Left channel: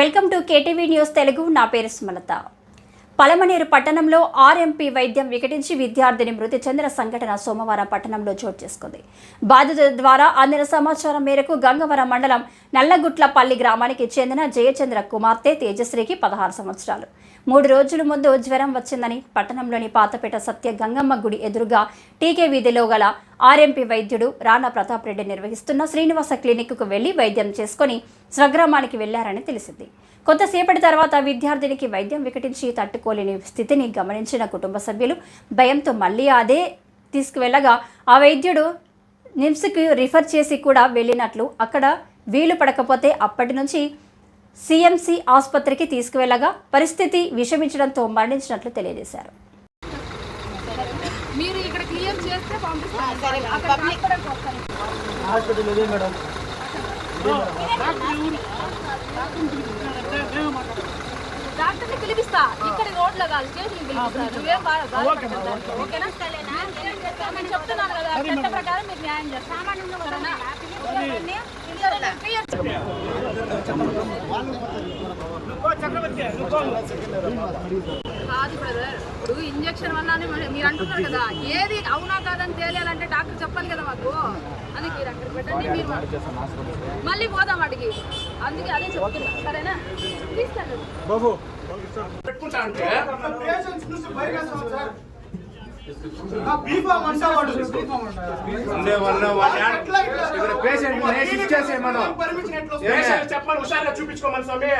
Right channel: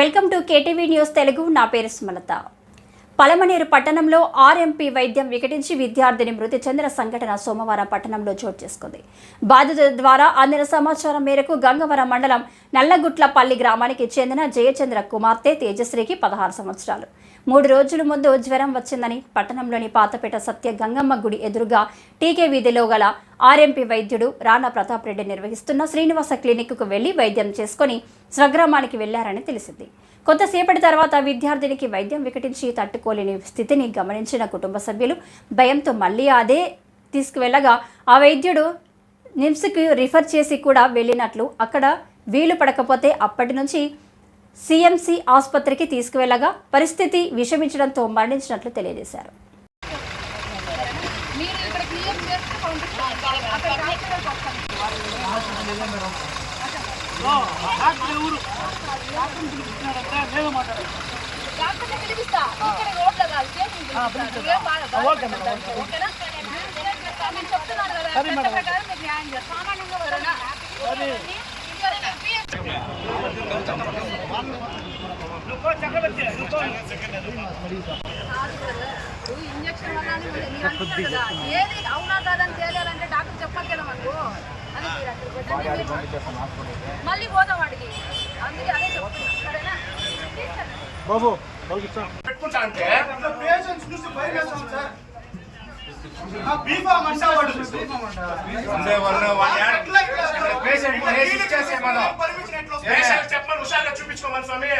Welcome to KTV news Telugu. నా పేరు సుమలత. పలమనేరు పట్టణంలో ఆర్ఎంపీ వైద్యం వికటించి విద్యార్థిని మృతి చెందిన సంఘటన సోమవారం పట్టణంలో చోటు చేసుకుంది. బాధితుల ద్వారా అందిన సమాచారం మేరకు గంగవరం మండలం నల్లగుట్లపల్లి గ్రామానికి చెందిన జయచంద్ర కుమార్తె తేజశ్రీకి 16 సంవత్సరాలు. 3 రోజుల ముందు జ్వరం వచ్చిందని పట్టణంలోని పాతపేట సత్య గంగమ్మ గుడి ఎదురుగా టీకే వీధిలో గల ఆర్ఎంపీ వైద్యుడు రాణా ప్రతాప్ రెడ్డి నిర్వహిస్తున్న శ్రీనివాస క్లినిక్కు వెళ్లి వైద్యం చేసుకుని స్వగ్రామానికి వెళ్లారని తెలిసింది. కొంతసేపటి తర్వాత విద్యార్థినికి వైద్యం వికటించి తట్టుకోలేని స్థితిని గమనించిన కుటుంబ సభ్యులు భయంతో మళ్లీ అదే తీసుకువెళ్లగా ఆ వైద్యుడు నిమ్స్కి రిఫర్ చేసి కూడా వెళ్ళినట్లు, అక్కడ వీలు పడకపోతే అప్పటి నుంచి సిఎంసి ఆసుపత్రికి తీసుకువెళ్లగా పరిస్థితి విషమించడంతో మరణించినట్లు తెలియజేశారు. డాక్టర్ని పిలిపిస్తా, ఇక్కడ రోడ్లో కాదు, చెప్తున్నాను కదా, చట్ట ప్రకారం మీరు న్యాయం చేస్తారు. కాదు బ్రదర్, ఇప్పుడు ఇంజక్షన్ వల్ల మీరు అంటున్నారు కదా, ఏది అవునా కాదని తేలియాలంటే డాక్టర్ చెప్పాలి కదా మాకు. అది మీరు అక్కడ పెట్టండి, మీరు మళ్ళీ పోదాం అడిగి. అందుకే అదే చెప్తున్నా, సరేనా? తీసుకెళ్ళండి బాబు. చెప్పమని హుషారుగా చూపించుకోమని స్వామి.